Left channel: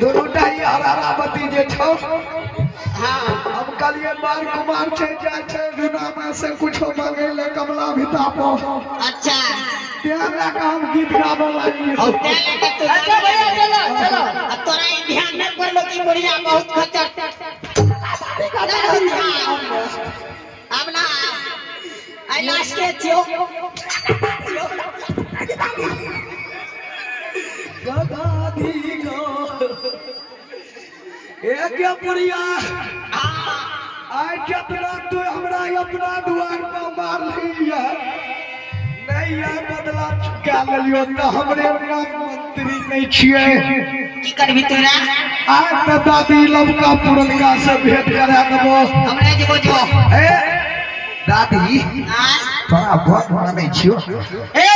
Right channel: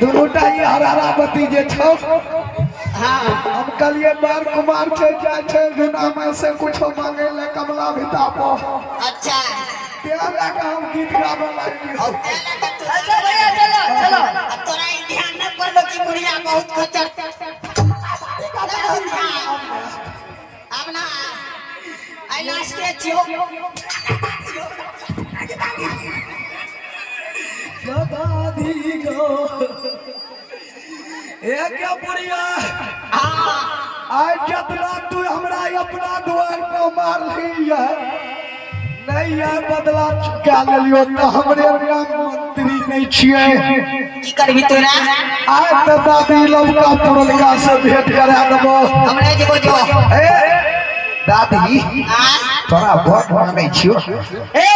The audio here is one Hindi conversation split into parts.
दोनों टाई हरारा बती जे छो हाँ हम कलिए बार कुमार छे जाय छे बिना में से कुछ मांगे ले कमला भिता पो अच्छा त्या लगा हम गीत गावे लगी और क्या लगा तू चलो अब तोरा ई ध्यान न पड़लो कि बुढ़िया बहुत खच्चर अब ना आई लास्ट के छियो गदादी गो ए क्या बुढ़िया हां आज जतना तू हमरा अपना द्वार पर मार लिया नहीं यार बदला क्या ले लियो तो हमरे मंत्री नहीं छिए की करबी तोरा आज तो दादी लवका पुरलका से भेंट करा देबो हमरे जेबो जो ए दादी हां तोरा वोट मांगे छियो ए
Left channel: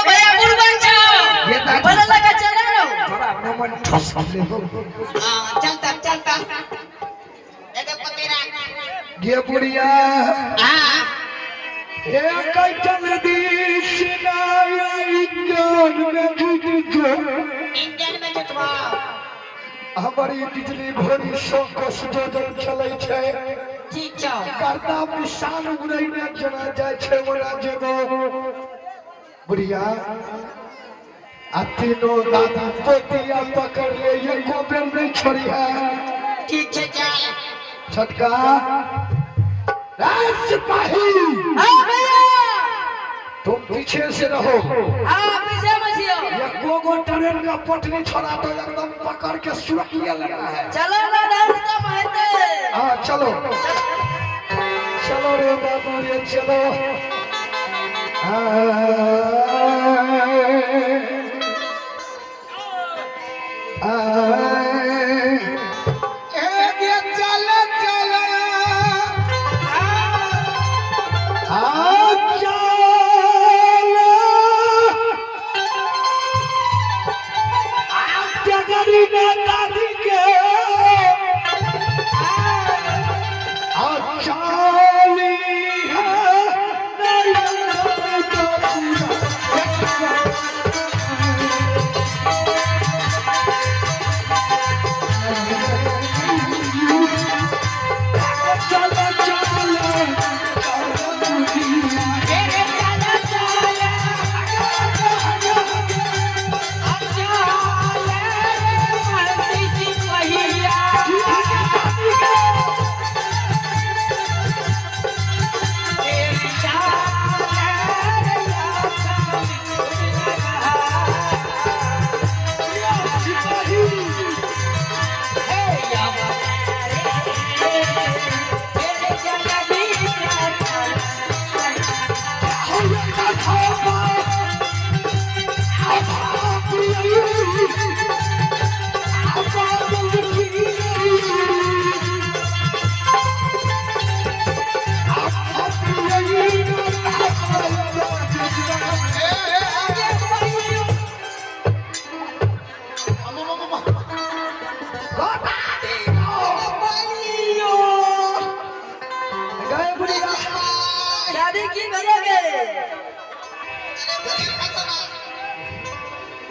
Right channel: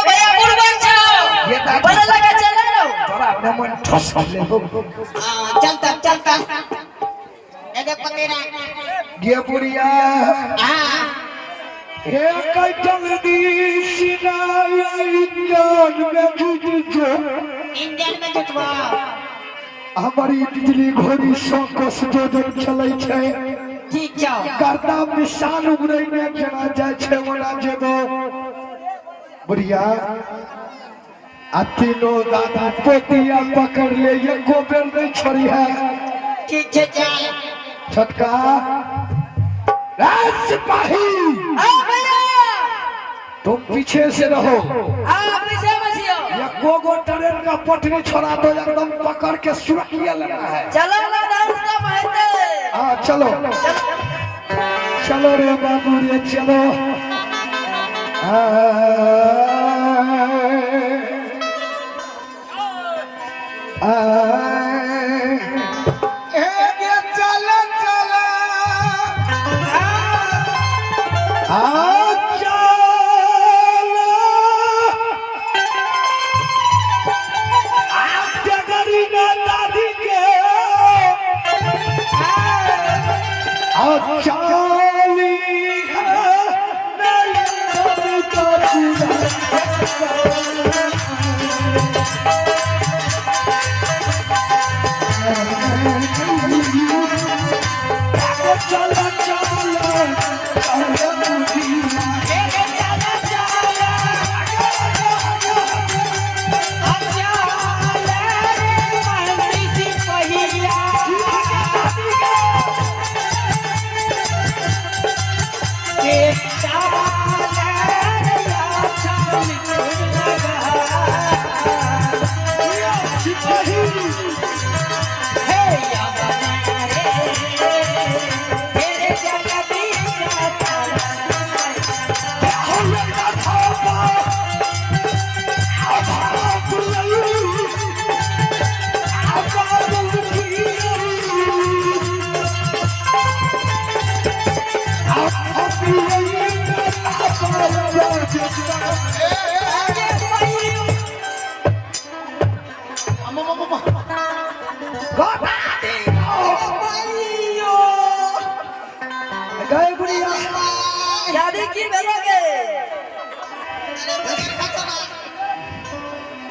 भैया मुर्गा चलो ये दादी बड़ा लगा चलो तोरा नमन ठस लेबो हां चलता ए दे पतेरा गे बुढ़िया हां ए कैटल दी सिनाई जान में जुट जो इंडियन में जुटवा हमारी बिजली घोड़ी संकस जो दिन चलै छै ठीक छौ करता मिसाल उगरै ने जेना जाय छै ओना जेबे बुढ़िया आ तीनों दादा पोतिया पकड़ ले एको बेर नहीं छोड़ी है ठीक छे चल छटका सिपाही भैया तुम पीछे से रहो पीछे बसियो ये गोगो ट्रेन का पटरी छोड़ा दो एकदम पकड़ के सुरक्षित लेना है चलो ना नाश्ता महते हाँ चलो चलो रे बाबू रे चलो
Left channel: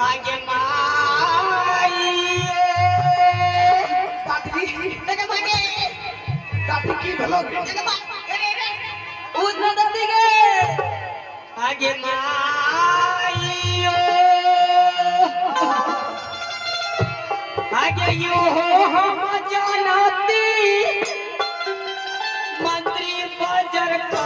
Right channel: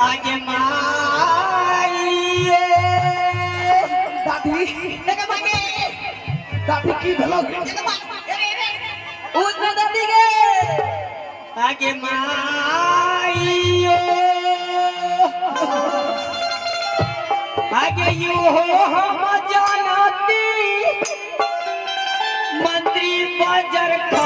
आगे माई दादी देखो भागे दादी की भलोगे देखो भागे उस में दादी के आगे माई आगे यो हम जानती मंत्री बाजार का